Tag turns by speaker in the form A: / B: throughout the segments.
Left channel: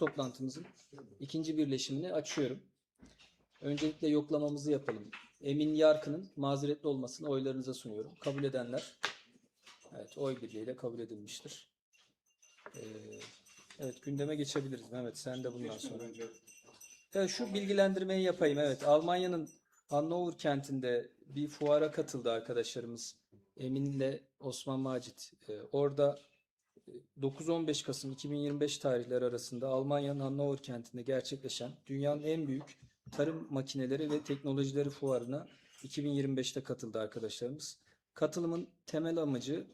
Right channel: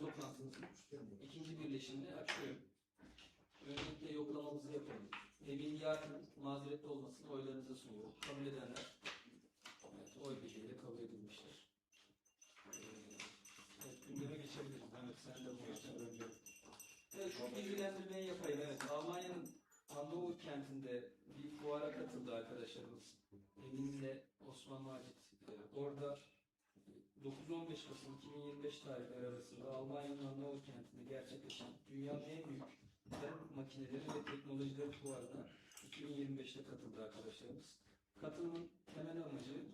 A: toplantımızın ikinci birleşimini açıyorum. Öncelikle yoklamamızı yapalım. Emin Yarkı'nın mazeretli olmasını oylarınıza sunuyorum. Kabul edenler, evet oy birliğiyle kabul edilmiştir. Ee, evet gündeme geçebiliriz. Mehmet sen de bundan sonra. Evet, şu bilgilendirmeyi yapayım. Evet, Almanya'nın Hannover kentinde bir fuara katıldı arkadaşlarımız. Emin'le Osman Macit. Ee, orada 9-15 Kasım 2025 tarihleri arasında Almanya'nın Hannover kentinde gerçekleşen dünyanın en büyük tarım makineleri ve teknolojileri fuarına 2025'te katıldı arkadaşlarımız. Katılımın temel amacı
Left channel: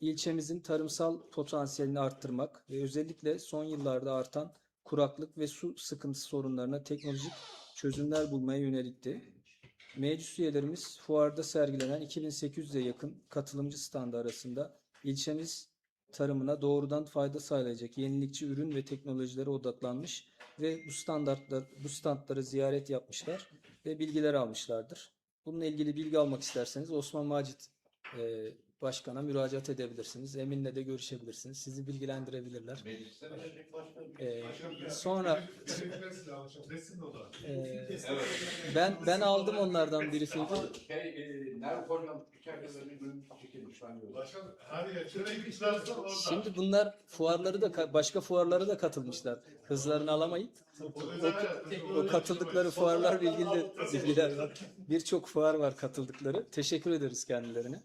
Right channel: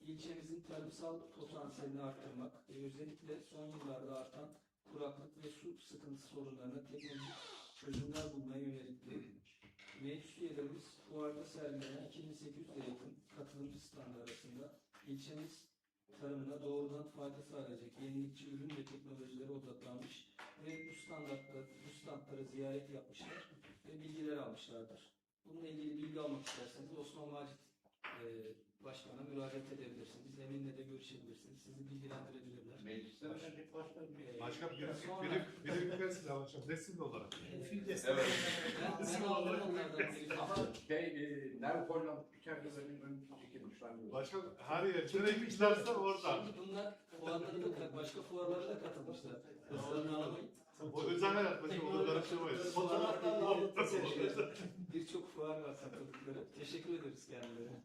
A: ilçemizin tarımsal potansiyelini arttırmak ve özellikle son yıllarda artan kuraklık ve su sıkıntısı sorunlarına teknolojik çözümler bulmaya yönelikti. Meclis üyelerimiz fuarda sergilenen 2800'e yakın katılımcı standı arasında ilçemiz tarımına doğrudan fayda sağlayacak yenilikçi ürün ve teknolojilere odaklanmış ve bu standartlar bu standları ziyaret yapmışlar ve bilgiler almışlardır. Bununla ilgili bilgi almak isterseniz Osman Macit e, Başkan'a müracaat edebilirsiniz. Emin'le de görüşebilirsiniz. Sizi bilgilendirebilirler. Ee, sonra e, ben ben aldım onlardan briefingi.
B: Şey, bir.
C: Başkan her yer. Gidersen orada.
A: Şimdi bunlar fuarları da ka- başka fuarlara da katılmışlar. Hızlarını alamayıp
C: hayat.
A: bu katıldıkları fuarlar bilgiler, bilgiler var. Birçok fuar var katıldıkları. Teşekkür ederiz kendilerine.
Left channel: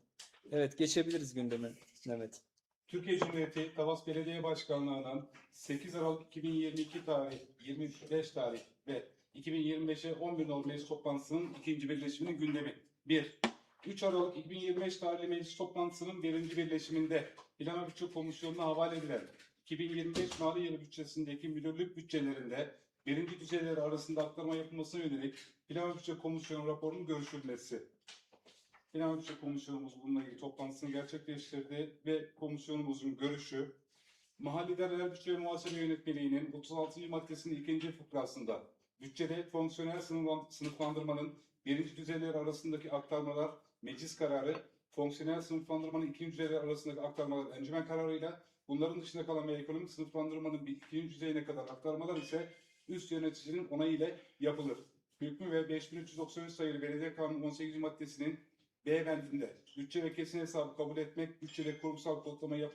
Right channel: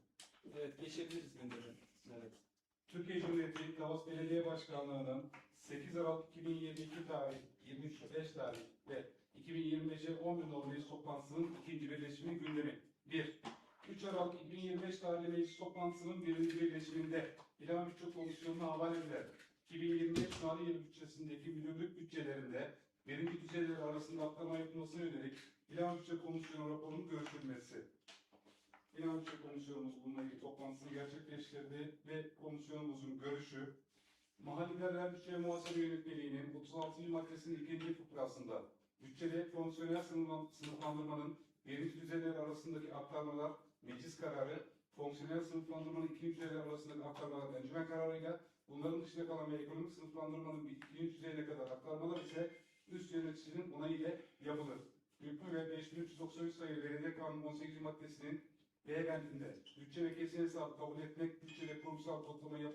A: Evet geçebiliriz gündeme Mehmet.
D: Türkiye Cumhuriyeti Tavas Belediye Başkanlığı'nın 8 Aralık 2022 tarih, 25 tarih ve 2025'e 11 nolu meclis toplantısının ikinci birleşiminin gündemi. 1. 3 Aralık 2025 tarihli meclis toplantısının birinci birleşiminde Plan ve Bütçe Komisyonu'na havale edilen 2025 mali yılı bütçesindeki müdürlük bütçelerinde birinci düzeyler arasında aktarma yapılmasına yönelik Plan ve Bütçe Komisyonu raporunun görüşülmesi. Plan Bütçe Komisyonumuz bununla ilgili toplantısını gerçekleştirdi ve komisyonumuzun görüşü Mahalli İdareler Bütçe Muhasebe Yönetmeliği'nin 36. maddesinin ikinci fıkrasında bütçede fonksiyonel sınıflan- sınıflandırmanın birinci düzeyler arasındaki aktarmalar meclis kararı, fonksiyonel sınıflandırmanın ikinci düzeyler arasındaki aktarmalar encümen kararıyla, bunların dışında kalan ve ekonomik sınıflandırmanın bir ikinci düzeyine kadar aktarmalar ise üst yöneticinin onayı ile yapılır. Hükmü ve 5393 sayılı Belediye Kanunu 18. maddesinin B bendinde bütçe ve kesin hesabı kabul etmek, bütçede kurumsal kodlama, yap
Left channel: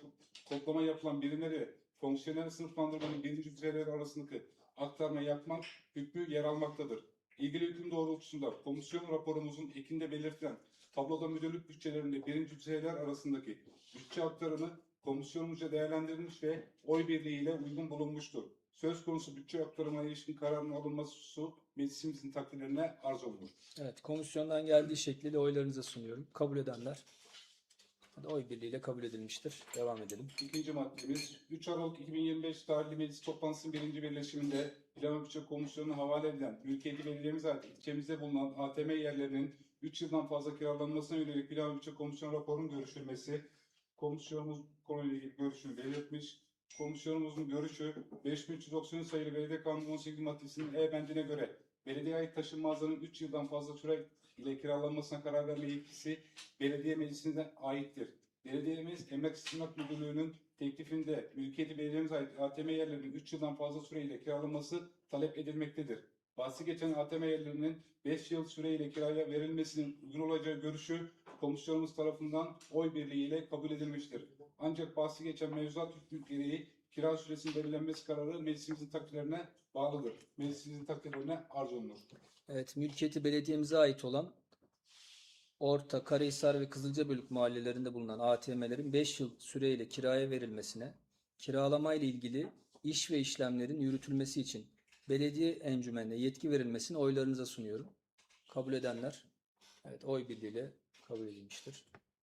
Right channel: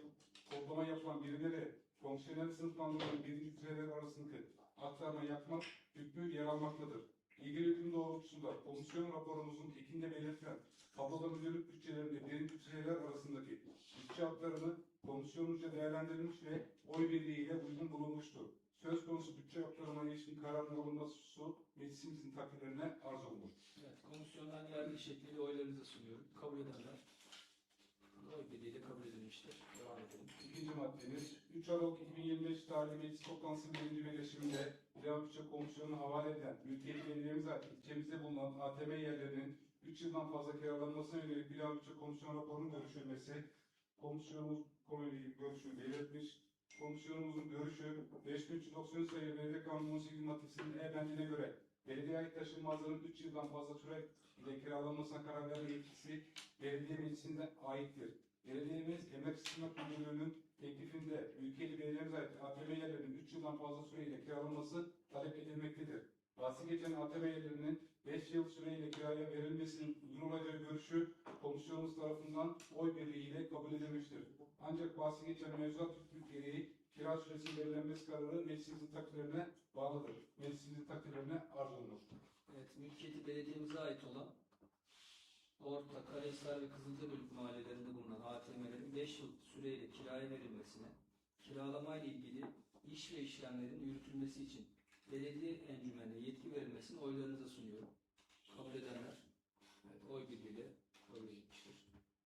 D: kodlama yapılan birimleri fonksiyonel sınıflandırmanın birinci düzeyleri arasındaki aktarma yapmak hükmü yer almaktadır. İlgili hüküm doğrultusunda komisyon raporumuzun ekinde belirtilen tabloda müdürlük bütçelerinde birinci düzeyler arasındaki bütçe aktarımı komisyonumuzca değerlendirilmiş ve oy birliğiyle uygun bulunmuştur. Söz konusu bütçe aktarımına ilişkin kararın alınması meclisimizin takdirlerine arz olunur.
A: Evet komisyondan geldiği şekliyle oylarınıza sunuyorum. Kabul edenler oy birliğiyle kabul edilmiştir. Devam edelim.
D: İkinci maddemiz 3 Aralık 2025 tarihli meclis toplantısının birinci birleşiminde Plan ve Bütçe Komisyonu'na havale edilen mülkiyeti belediyemize ait ilçemizde bulunan ATM yerlerinin 3 yıldan fazla kiralanmasına yönelik Plan ve Bütçe Komisyonu raporunun görüşülmesi. Komisyonumuz konuyla ilgili görüşünü belirtmiş. Komisyonumuzun görüşü 5393 sayılı Belediye Kanunu 18 maddesinin E bendine göre belediye ait taşınmazların 3 yıldan fazla süre ile kiralanmasına karar verme yetkisi belediye meclisine aittir. Belediyemiz Emlak İstimlak Müdürlüğü'nün teklifinde mülkiyeti belediyemize ait ATM yerlerinin 3 yıldan fazla süreyle kiralanması talep edilmektedir. Bahsi geçen ATM yerlerinin 5 yıl süreyle kiraya verilmesinin uygun olacağı görüşü komisyonumuz tarafından oy birliğiyle kabul edilmiştir. Ancak bahsi geçen mevzuat hükmü gereği kira süresinin belirlenmesi kararı meclisimizin takdirlerine bağlıdır. Meclisimizin takdirlerine arz olunur.
A: Evet mülkiyeti belediyemize ait olan Orta, Karahisar ve Kızılcabölük mahallelerinde bulunan ATM'lerin 5 yıl süreyle kiraya verilmesine, kiralama ile ilgili iş ve işlemlerin yürütülmesi için belediye encümenine yetki verilmesini oylarınıza sunuyorum. Kabul edenler, evet oy birliğiyle kabul edilmiştir.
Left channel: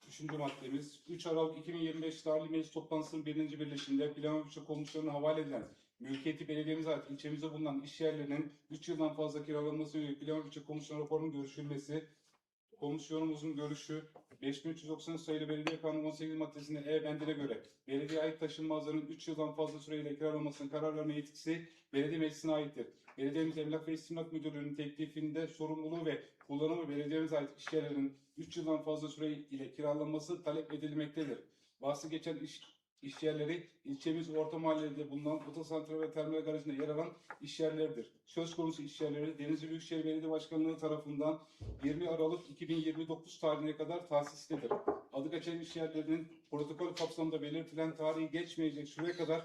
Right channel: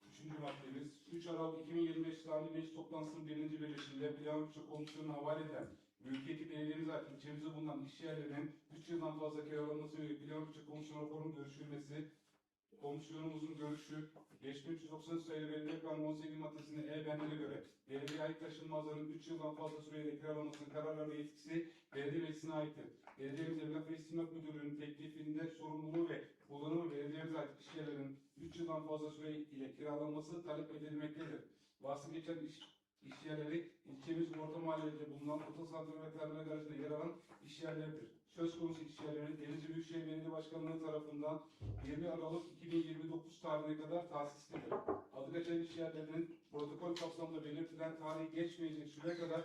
D: Üçüncü maddemiz 3 Aralık 2025 tarihli meclis toplantısının birinci birleşiminde Plan Bütçe Komisyonu'na havale edilen mülkiyeti belediyemize ait ilçemizde bulunan iş yerlerinin 3 yıldan fazla kiralanması yönelik Plan Bütçe Komisyonu raporunun görüşülmesi, komisyonumuzun görüşü 5390 sayılı Belediye Kanunu 18 maddesinin E bendine göre belediye ait taşınmazların 3 yıldan fazla süreyle kiralanmasına karar verme yetkisi belediye meclisine aittir. Belediyemiz Emlak ve İstimlak Müdürlüğü'nün teklifinde sorumluluğu ve kullanımı belediyemize ait işyerlerin 3 yıldan fazla süre ile kiralanması talep edilmektedir. Bahsi geçen iş iş yerleri ilçemiz orta mahallede bulunan otosantral ve terminal garajında yer alan iş yerleridir. Söz konusu iş yerleri Denizli Büyükşehir Belediye Başkanlığı tarafından 20 Aralık 2029 tarihine kadar tahsislidir. Adı geçen iş yerlerinin protokol kapsamında belirtilen tarihi geçmeyecek süre kadar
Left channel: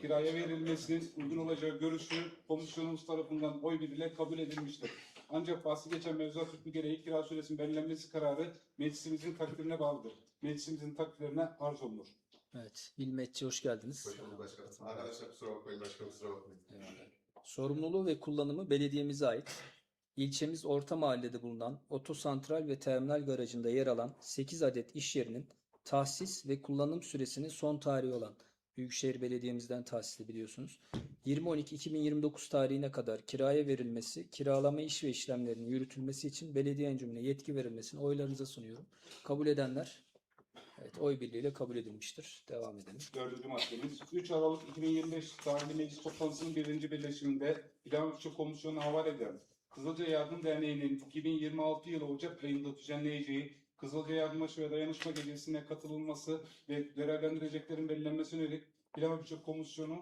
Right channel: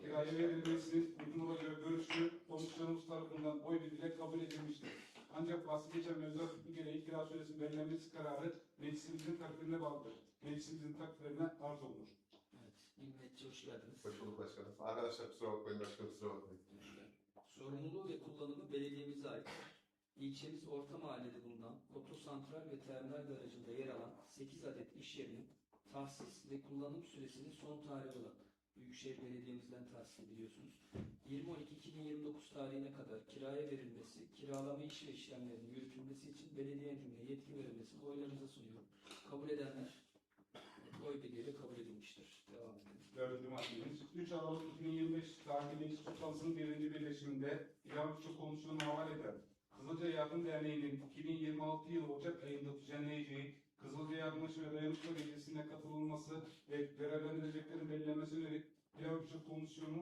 D: kiraya verilmesinin uygun olacağı görüşü komisyonumuz tarafından oy birliğiyle kabul edilmiştir. Ancak bahsi geçen mevzuat hükmü gereği kira süresinin belirlenmesi kararı meclisimizin takdirine bağlıdır. Meclisimizin takdirine arz olunur.
A: Evet. Bilmetçi hoş geldiniz.
E: Hoş bulduk başkanım. Arkadaşlar kusura bakmayın başkanım kusura bakmayın.
A: Sorumluluğu ve kullanımı belediyemize ait. İlçemiz orta mahallede bulunan otosantral ve terminal garajında yer alan 8 adet iş yerinin tahsis ve kullanım süresinin son tarihi olan Büyükşehir Belediye'mizden tahsisli biliyorsunuz. 20.12.2029 tarihine kadar kiraya verilmesi, kiralama iş ve işlemlerinin yürütülmesi için belediye encümüne yetki verilmesini oylarınıza sunuyorum. Kabul edenler evet, oy birliğiyle kabul edilmiştir. Devam edelim.
D: Dördüncü maddemiz 3 Aralık 2025 tarihli meclis toplantısının birinci birleşiminde Bütçe Komisyonu'na havale eden Kızılca Yardım Derneği'nin 2026 yılı Ocak ayında düzenleyeceği Kızılca Yardımlaşma ve Dayanışma Gecesi'ne katılılması ve görevlendireceklerin belirlenmesine yönelik Bütçe Komisyonu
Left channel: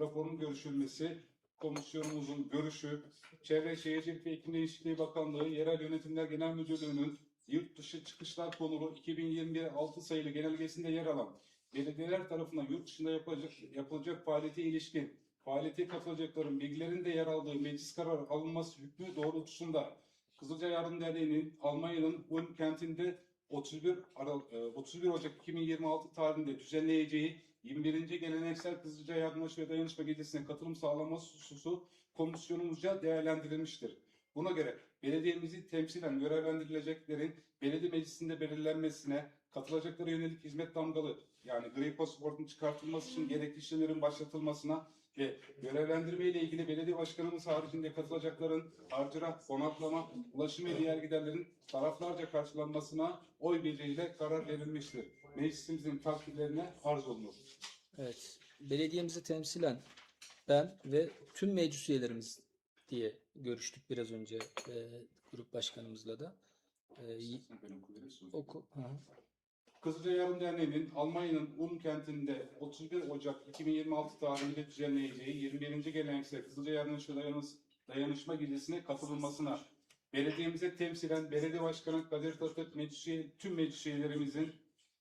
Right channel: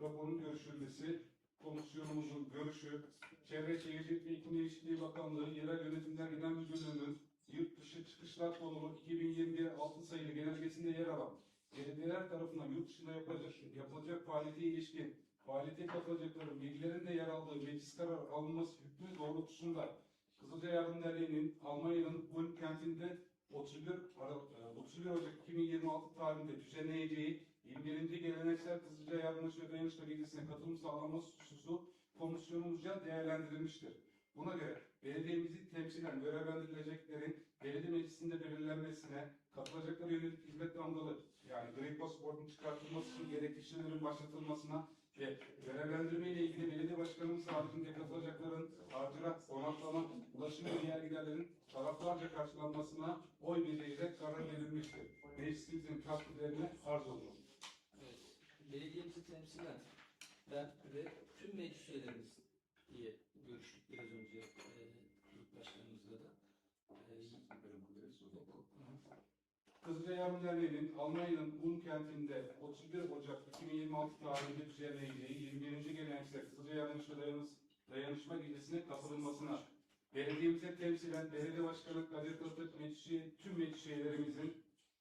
D: raporunun görüşülmesi, komisyonumuzun görüşü, Çevre Şehircilik ve İklim Değişikliği Bakanlığı, Yerel Yönetimler Genel Müdürlüğü'nün yurt dışı çıkışlar konulu 2021 6 sayılı genelgesinde yer alan belediyeler tarafından yurt dışında yapılacak, yapılacak faaliyete ilişkin faaliyete katılacakların bilgilerin de yer aldığı meclis kararı alınması hükmü doğrultusunda Kızılca Yardım Derneği'nin Almanya'nın Ulm kentinde 31, Aral, e, 31 Ocak 2026 tarihinde düzenleyeceği 21. Geleneksel Kızılca Yardımlaşma ve Dayanışma Gecesi'ne katılım sağlanması hususu komisyonumuzca değerlendirilmiştir. Buna göre belediyemizi temsilen görevlendirileceklerin belediye meclisinde belirlenmesine, katılacaklara yönelik hizmet damgalı yani gri pasaportun çıkartılması için gerekli işlemlerin başlatılmasına ve görevlendirme ile ilgili belediye başkanımız haricinde katılacakların harcına, konaklama, ulaşım ve diğer giderlerin taraflarca karşılanmasına oy birliğiyle karar verilmiştir. Meclisimizin takdirlerine arz olunur.
A: Evet. Belediyemizi temsilen ben ve tüm meclis üyelerimiz diye görüştük biraz önce e, grup başkanımızla da. E, oku. Hı.
D: Kızılca Yardım Derneği'nin Almanya'nın Ulm kentinde 31 Ocak 2026 tarihinde düzenleyeceği 21. geleneksel Kızılca Dayanış- Dayanışma Gecesi'ne katılılmasına belediyemize temsilen Belediye Başkanı Kadir Tatık meclis üye- tüm meclis üyelerimizin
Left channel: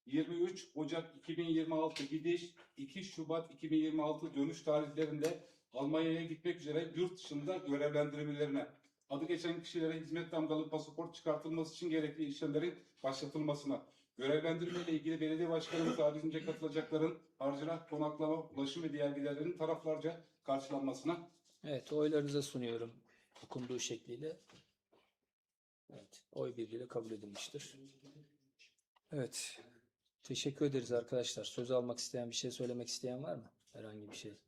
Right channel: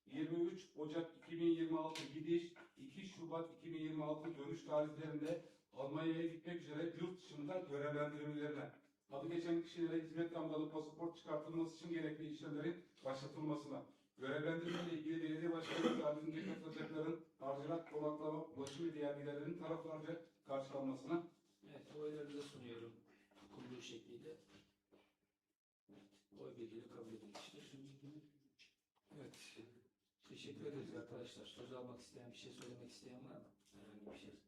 D: 23 Ocak 2026 gidiş 2 Şubat 2026 dönüş tarihlerinde Almanya'ya gitmek üzere yurt dışında görevlendirilmelerine adı geçen kişilere hizmet damgalı pasaport çıkartılması için gerekli işlemlerin başlatılmasına Görevlendirme ile ilgili belediye başkanımız haricinde katılacakların harcına, konaklama, ulaşım ve diğer giderlerin taraflarca karşılanmasına
A: Evet, oylarınıza sunuyorum okunduğu şekliyle. Evet, oy birliğiyle kabul edilmiştir. Evet, teşekkür ederiz arkadaşlar. Söz almak isteyen, bir şey söylemek isteyen var mı? Herhangi bir şey.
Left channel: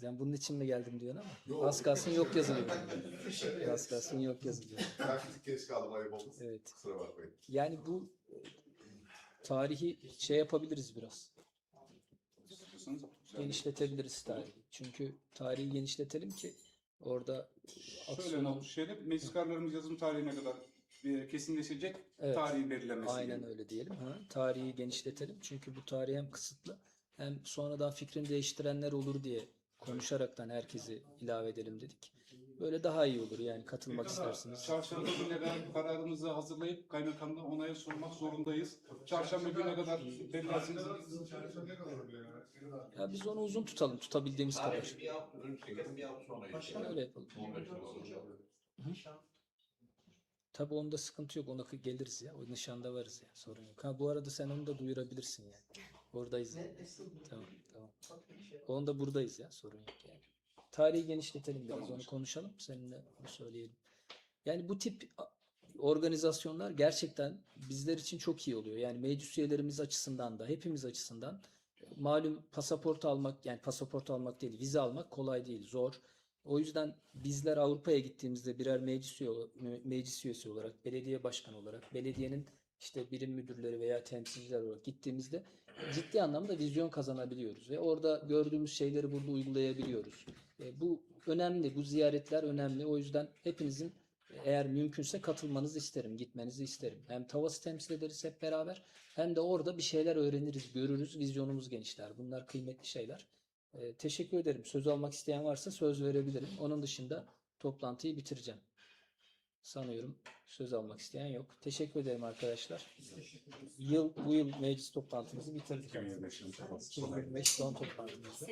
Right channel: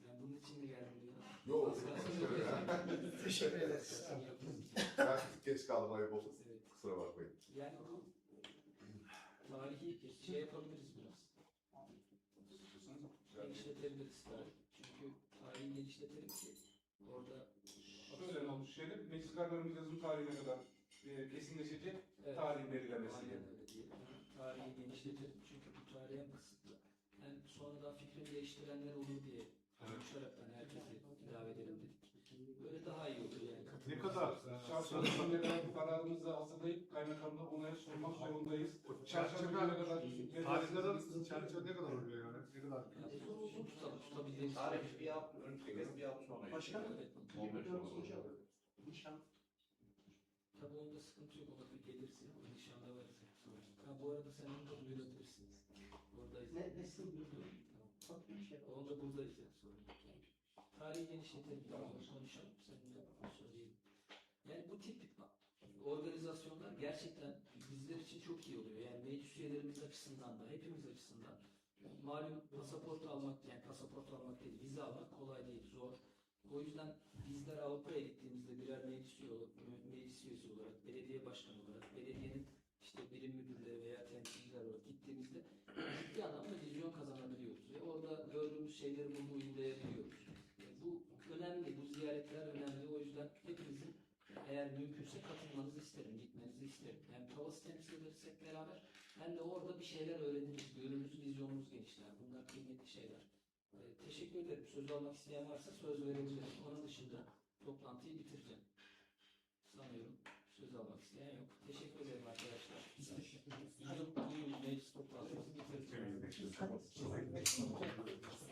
A: Sen bunun için mi geldim diyorsun ama
E: Yok.
A: az kalsın yok yazılıyor. az kalsın yok
E: tık geç kaldım ayıp olmasın.
A: Evet.
E: Kusura bakmayın.
A: Yani bu tarihi şey yapabiliriz biraz. Genişletebiliriz tarihi. Çünkü tarihi genişletelim ki orada
D: Şöyle olmuş şeyler, meclis kararlarımız yazım tarihine kadar e, kesinleşecek
A: Evet.
D: tarihin belirlenmesi.
A: Aynen öyle diyelim. Ha, tarihi genişletelim. Çünkü bu tarih hem kısıtlı hem sonradan fikrini değiştirenler olur diye konuşaraktan herkesi ilave edelim dedik. Böyle daha iyi olur yani
D: Ne
A: katılmak
D: kadar
A: isterseniz.
D: çarşamba gününe kadar kararımızı hazırlayıp kaymakamla onaya sunmak zorundayız. Çarşamba gününe kadar belirlensin.
C: Çarşı ne kadar oluyor yani? Ne?
A: Ya biz onu uzun tutalım, tutabildiğimiz kadar.
B: Bir hafta önce çekelim bir hafta sonra geçelim.
A: Öyle yapalım.
B: 15 Temmuz.
A: Tabii onda sıkıntı yok. Ona geliriz ya. O nişanda varız ya. Sorun yok. Ha bu arada sen onu da duyurabilirsin yani. Oradayız tamam. Onu da buradayız ya. Sorun yok yani. Tarihi genişletelim biraz. Onu konuşalım. Seninle onu söyleyelim. Yani bu tip organizasyonlar gerçekten bizler için çok iyi oluyor. Yani meclis üyelerimiz açısından da hepimiz açısından malum pasaport almak yani pasaport almak değil vize almak kolay değil zor. O yüzden bizler Avrupa'ya gittiğimizde birer meclis, üye, me- meclis üyesi olarak, belediye başkanı olarak, belediyenin işte birim müdürleri veya temsilciler olarak gittiğimizde ciddi anlamda vizyon kazanabiliyoruz ve orada gördüğümüz şeyleri burada uygulayabiliyoruz. E, bu önemli, bu ziyaretler önemli. O yüzden hepinizin Eğer mümkünse katılmanızı isterim, gitmenizi isterim. Hem Tavas'ı temsil ederiz hep beraber hem de orada bir şeyler öğreniriz, görürüz, vizyonumuz genişler. Bunlar kıymetli şeyler. Ee, teşekkür ederim. Söz almak isteyen varsa söz verebilirim. Onun dışında toplantıyı bitireceğim. Sanıyorum söz almak isteyen yok. Teşekkür ederim arkadaşlar. Yıl bu yıl meclis toplantımızı bitirdik. 2025 son toplantımızı.